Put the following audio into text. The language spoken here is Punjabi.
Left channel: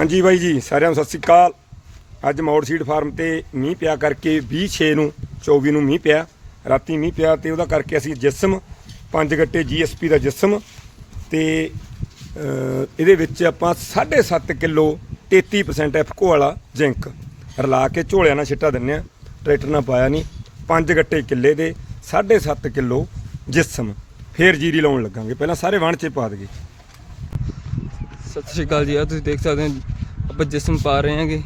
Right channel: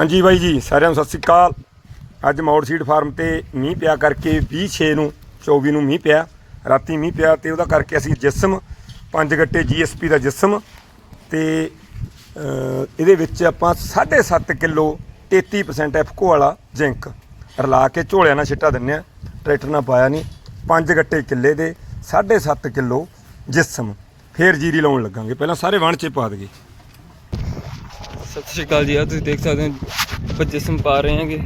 ਹਾਂਜੀ ਬਾਈ ਜੀ, ਸਾਰਿਆਂ ਨੂੰ ਸਤਿ ਸ੍ਰੀ ਅਕਾਲ। ਅੱਜ ਮੌੜ ਸੀਡ ਫਾਰਮ ਤੇ ਮੀਂਹ ਪਿਆ ਕਰਕੇ 26 ਨੂੰ 24 ਨੂੰ ਮੀਂਹ ਪਿਆ, ਰਾਤੀ ਮੀਂਹ ਪਿਆ ਤੇ ਉਹਦਾ ਕਰਕੇ ਅਸੀਂ ਜਿਸਮ, ਪੰਜ ਗੱਟੇ ਜੀਐਸਪੀ ਦਾ ਜਿਸਮ ਤੇ ਇਹਦੇ ਵਿੱਚ ਆਪਾਂ 7.5 ਕਿਲੋ 33% ਐਫਕੋ ਵਾਲਾ ਜ਼ਿੰਕ ਰਲਾ ਕੇ ਝੋਲਿਆਂ ਨਾਲ ਛਿੱਟਾ ਦਿੰਨੇ ਆ ਟਰੈਕਟਰ ਨਾਲ ਪਾਇਆ ਨਹੀਂ, ਪੰਜ ਗੱਟੇ ਕਿੱਲੇ ਦੇ 7.5 ਕਿਲੋ ਜਿਸਮ ਫੇਰ ਜੀਰੀ ਲਾਉਣ ਲੱਗਾਂਗੇ। ਪਹਿਲਾਂ ਸਾਰੇ ਵਣ ਚ ਪਾ ਦਈਏ। ਸਤਿ ਸ਼੍ਰੀ ਅਕਾਲ ਜੀ ਆ ਤੁਸੀਂ ਦੇਖ ਸਕਦੇ ਹੋ ਬੱਚੇ ਜਿਸਮ ਰਹੇ ਹਾਂਗੇ।